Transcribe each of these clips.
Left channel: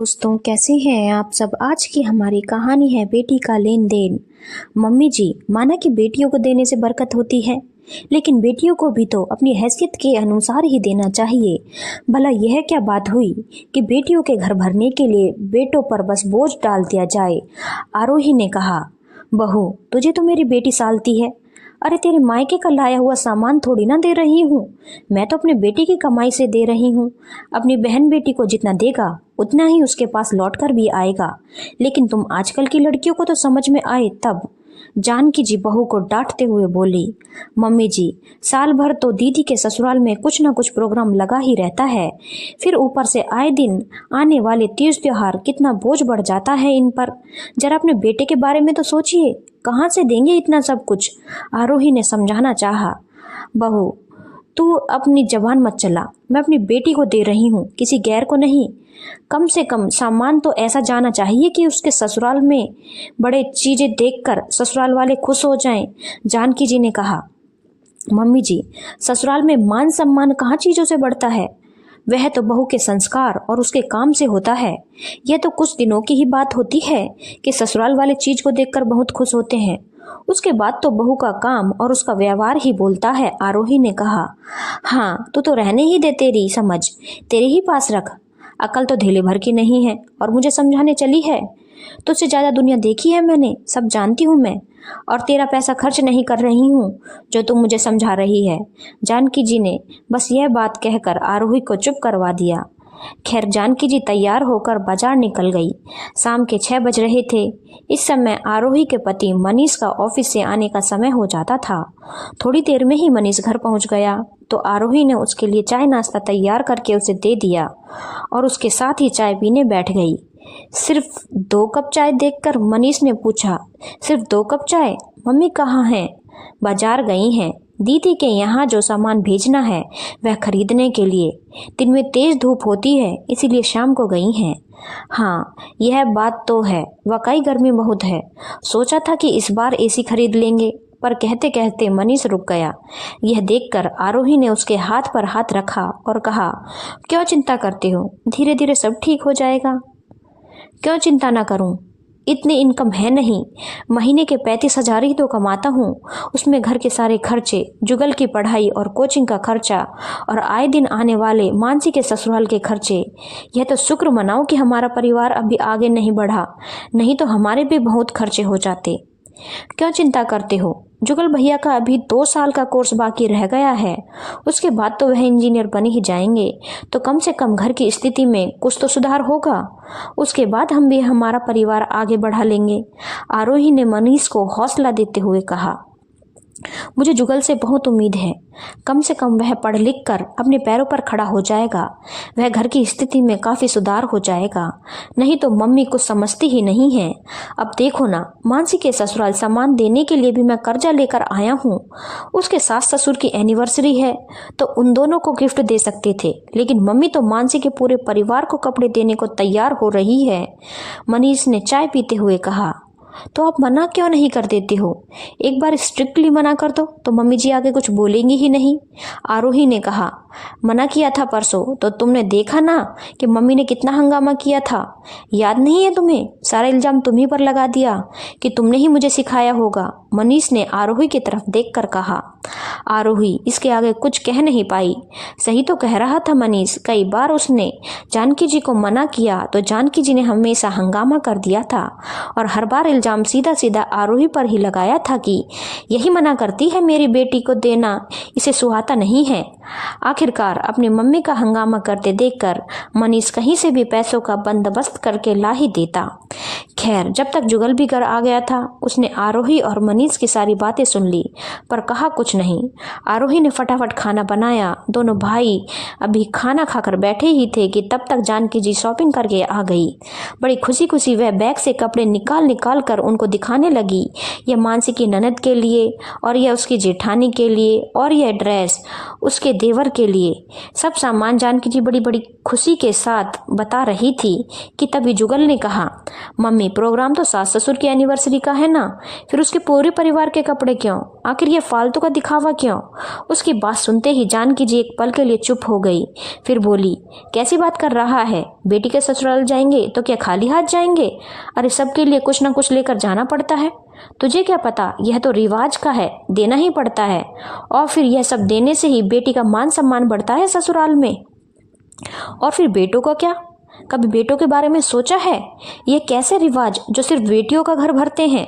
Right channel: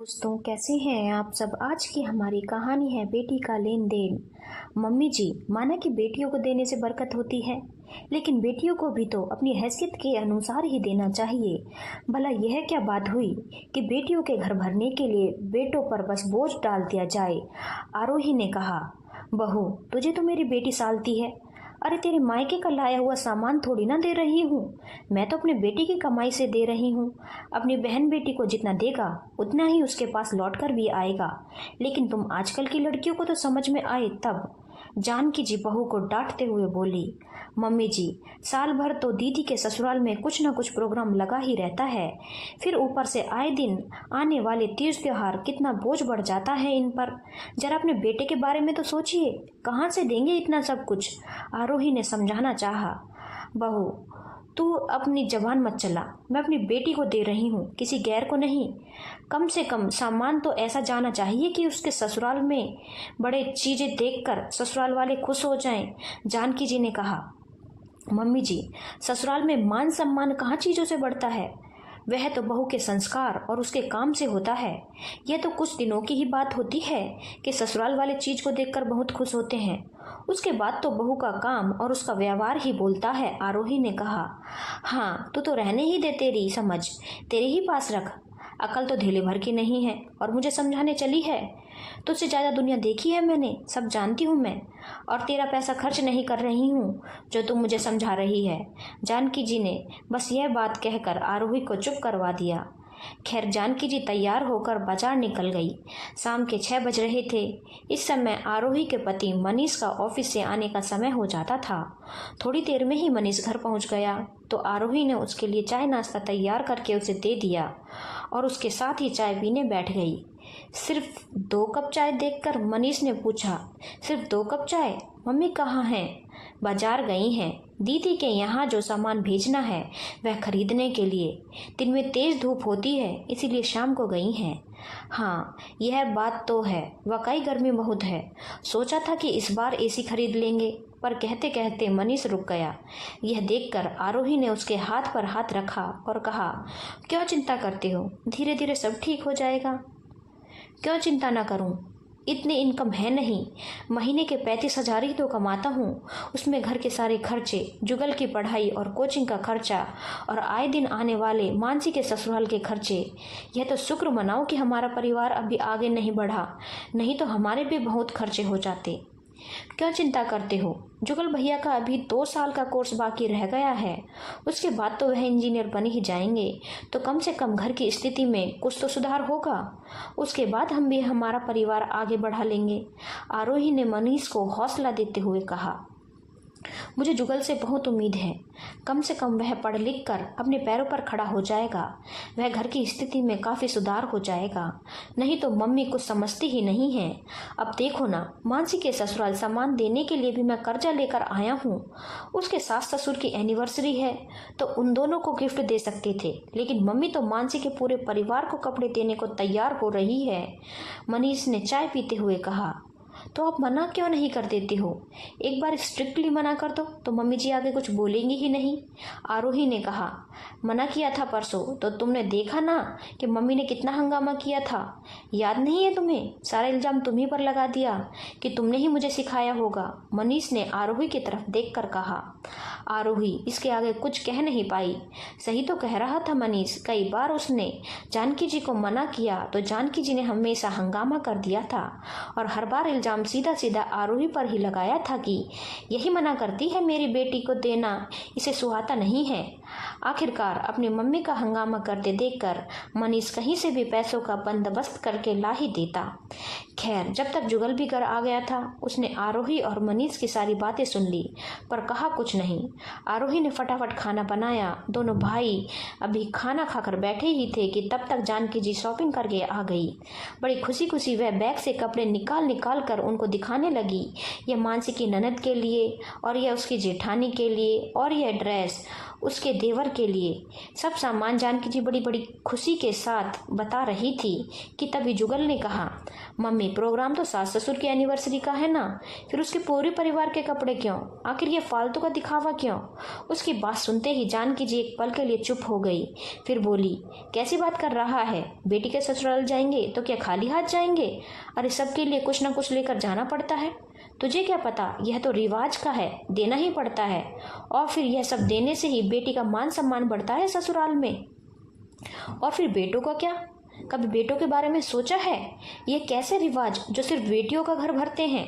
दोस्तों, कैसे हैं आप सब। आज की हमारी कहानी है बेटी का लेन देन। मम्मी जी, माना कि बेटियों को देने से बरकत होती है, लेकिन बेटियों को भी तो अपनी हैसियत के अनुसार ही देना चाहिए। भला यह क्या बात हुई कि बेटियों के घर भरने के लिए बेटों पर बस बोझ डाल दिया जाए। आरोही ने कहा, बहू तुझे तो मेरी बेटी सालती है। अरे तेरे मायके का लाया हुआ सामान थोड़ी ना दे रही हूँ, मैं तो अपने बेटी की कमाई से दे रही हूँ। अपनी बहन बेटी को जितना देगा उतना ही उसके पास लौट कर भी आएगा। लेकिन तुम आजकल की लड़कियों को तो समझ में आए तब। जानकी जी बहू को डांटते हुए बोली, मम्मी जी, साल भर तो दीदी के ससुराल में कुछ ना कुछ प्रोग्राम लगा ही रहता है, फिर ऊपर से आए दिन आने वाले तीज त्योहार, कितना बोझ बढ़ जाता है इन पर। जरा अपने बेटे के बारे में तो सोचिए, कहाँ से देंगे इतना सब कुछ। आरोही ने समझाना चाहा। बहू तू अपनी जबान मत चला, मैं अपनी बेटी को दे रही हूँ, किसी गैर को नहीं। कम से कम सामान तो ऐसा जाना चाहिए कि उसके ससुराल में बड़े चीजें देखकर ससुराल वाले खुश हो जाएं। जानकी जी ने कहा, मम्मी जी, ससुराल में मान सम्मान कहाँ चीजों से बढ़ता है, वह तो बहू के संस्कार और उसके काम से होता है। यह तो कुछ दिनों की ही बात होती है कि ससुराल वाले चीज को देखकर बहुत खुश होते हैं, उसके बाद तो बहू का काम और उसका व्यवहार ही बोलता है। आरोही ने कहा, हाँ तू तो रहने ही दे, तेरी समझ तेरे ही पास रख, अकल तो धेले भर की नहीं है और मुझे समझाने चली है। तुझसे ज़्यादा दुनिया देखी है मैंने, सब जानती हूँ मैं, और तेरा पैसा खर्च नहीं कर रही हूँ जो तुम मुझे समझा रही है। जानकी जी ने बस यह बात कहकर आरोही को चुप करवा दिया। खैर जानकी जी तैयार होकर बाजार निकल गई। शाम के 6 बज रहे थे। इस समय आरोही के पति मनीष का ऑफिस से आने का समय हो जाता था। थोड़ी देर में ही मनीष घर पहुंच गया तो आरोही ने उसके लिए चाय नाश्ता तैयार करके उसे दे दिया और उसके साथ ही चाय पीने बैठ गई। सिर्फ 2 कप चाय देखकर मनीष ने पूछा, सिर्फ 2 कप चाय? मम्मी कहाँ हैं? बाजार गई हैं, दीदी के यहाँ जो सामान भेजना है वह खरीदने के लिए। दिन में तेज धूप होती है इसीलिए शाम को गई हैं। हाँ यह बात तो है, वाकई गर्मी बहुत है। सोचा था कि इस बार एसी खरीद लेंगे, पर कहते कहते मनीष रुक गया। यह देखकर आरोही ने उसके हाथ पर हाथ रखा और कहा, क्यों चिंता करते हो, धीरे धीरे सब ठीक हो जाएगा। क्यों चिंता ना करूं, इतनी इनकम है नहीं, महीने के 35,000 ही तो कमाता हूँ, उसमें घर के सारे खर्चे, जुगल की पढ़ाई और कोचिंग का खर्चा और आए दिन आने वाले मानसी के ससुराल के खर्चे। यह तो शुक्र मनाओ कि हमारा परिवार अभी आगे नहीं बढ़ा, नहीं तो हमारे भी बहुत खर्चे हो जाते। क्यों चिंता करते हो, जुगल भैया का अभी 2 साल का कोर्स बाकी रह गया है, उसके बाद तो वह इंजीनियर बन ही जाएंगे, तो कम से कम घर की स्थिति में कुछ तो सुधार होगा, उसके बाद हम भी हमारा परिवार आगे बढ़ा लेंगे। आरोही ने मनीष को हौसला देते हुए कहा, मुझे जुगल से बहुत उम्मीद है, कम से कम वह पढ़ लिख कर अपने पैरों पर खड़ा हो जाएगा, वह घर की स्थिति में काफ़ी सुधार हो जाएगा, नहीं तो मम्मी कुछ समझती ही नहीं है। अब देखो ना, मानसी के ससुराल सामान देने के लिए भी मैं कर्जा लेकर आया हूँ, उसके सास ससुर की एनिवर्सरी है तो उन दोनों को गिफ्ट दे सकते थे, लेकिन मम्मी तो मानसी के पूरे परिवार को कपड़े देने को तैयार हो रही है। मनीष ने चाय पीते हुए कहा, तो आप मना क्यों नहीं कर देते हो, एक बार स्ट्रिक्टली मना कर दो तो मम्मी जी आगे कुछ बोलेंगी ही नहीं। आरोही ने कहा, मना किया था परसों तो तुमने देखा ना कि मम्मी ने कितना हंगामा किया था, याद नहीं है तुम्हें? सारा इल्जाम तुम्ही पर लगा दिया कि तुमने ही मुझे सिखाया होगा। मनीष ने आरोही की तरफ देखकर कहा। आरोही इसके आगे कुछ कह नहीं पाई। सही तो कह रहा था मनीष, कई बार उसने जानकी जी को मना किया तो जानकी जी ने हमेशा हंगामा कर दिया था और हर बार इल्जाम सीधा सीधा आरोही पर ही लगाया था कि यही मना करती है मेरी बेटी को देना, इसे सुहाता नहीं है। आखिरकार अपनी मम्मी का हंगामा करते देखकर मनीष कहीं से भी पैसों का बंदोबस्त करके ला ही देता। खैर जब तक जुगल भी घर आ गया था उसने आरोही और मनीष की सारी बातें सुन ली पर कहा कुछ नहीं। आरोही ने फटाफट खाना बनाया। दोनों भाई अभी खाना खाकर बैठे ही थे कि तब तक जानकी जी शॉपिंग करके आ गई। बड़ी खुशी खुशी वह बैग से कपड़े निकाल निकाल कर उनको दिखाने लगी। यह मानसी की ननद के लिए और यह उसकी जेठानी के लिए और यह ड्रेस उसके देवर के लिए सब सामान जानकी जी बड़ी बड़ी खुशी के साथ बता रही थी कि तभी जुगल ने कहा, मम्मी प्रोग्राम तो सास ससुर की एनिवर्सरी का है ना, फिर उसके पूरे परिवार के कपड़े क्यों, आखिर ये फालतू का दिखावा क्यों। उसकी बात सुनते ही जानकी जी एक पल के लिए चुप हो गई, फिर बोली, कैसी बात कर रहा है, बेटी के ससुराल जाएंगे तो क्या खाली हाथ जाएंगे, अरे सबके लिए कुछ ना कुछ लेकर जाना पड़ता है, तुझे क्या पता, यह तो रिवाज का है, देना ही पड़ता है, और फिर यह सब देने से ही बेटी का मान सम्मान बढ़ता है ससुराल में। और फिर बेटों का क्या, कभी बेटों के बारे में सोचा है, ये कैसे रिवाज जो सिर्फ बेटियों का घर भरते हैं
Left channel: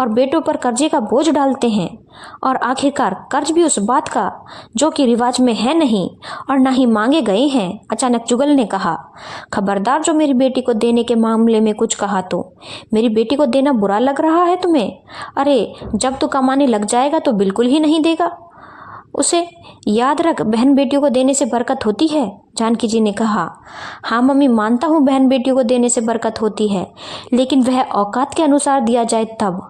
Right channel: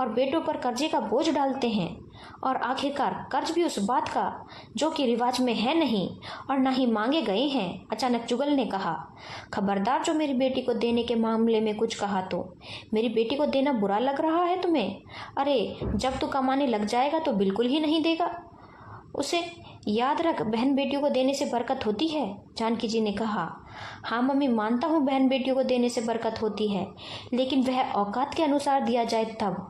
और बेटों पर कर्जे का बोझ डालते हैं, और आखिरकार कर्ज भी उस बात का जो कि रिवाज में है नहीं और ना ही मांगे गए हैं। अचानक जुगल ने कहा, खबरदार जो मेरी बेटी को देने के मामले में कुछ कहा तो, मेरी बेटी को देना बुरा लग रहा है तुम्हें, अरे जब तू कमाने लग जाएगा तो बिल्कुल ही नहीं देगा उसे, याद रख बहन बेटियों को देने से बरकत होती है। जानकी जी ने कहा, हाँ मम्मी मानता हूँ बहन बेटियों को देने से बरकत होती है, लेकिन वह औकात के अनुसार दिया जाए तब।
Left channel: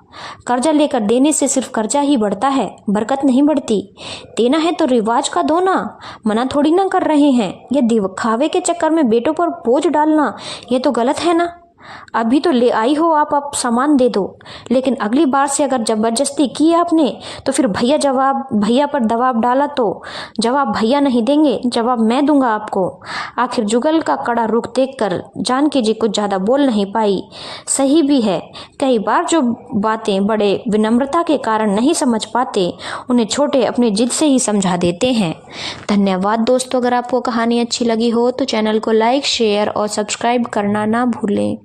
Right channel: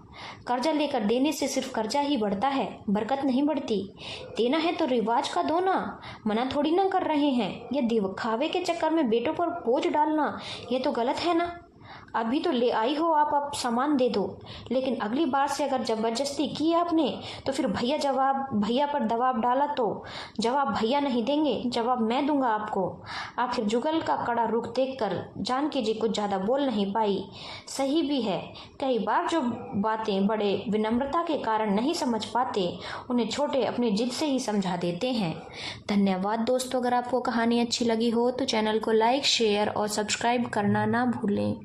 कर्जा लेकर देने से सिर्फ कर्जा ही बढ़ता है, बरकत नहीं बढ़ती। देना है तो रिवाज का दो ना, मना थोड़ी ना कर रहे हैं। ये दिखावे के चक्कर में बेटों पर बोझ डालना ये तो गलत है ना। अभी तो ले आई हो आप सामान दे दो, लेकिन अगली बार से अगर जबरदस्ती की आपने तो फिर भैया पर दबाव डाला तो जवाब भैया नहीं देंगे, जवाब मैं दूंगा आपको। आखिर जुगल का कड़ा रुख देखकर जानकी जी कुछ ज़्यादा बोल नहीं पाई। सही भी है, कई बार जो बातें बड़े विनम्रता के कारण नहीं समझ पाते उन्हें छोटे अपने जिद से ही समझा देते हैं। धन्यवाद दोस्तों, अगर आपको कहानी अच्छी लगी हो तो चैनल को लाइक शेयर और सब्सक्राइब करना ना भूलें।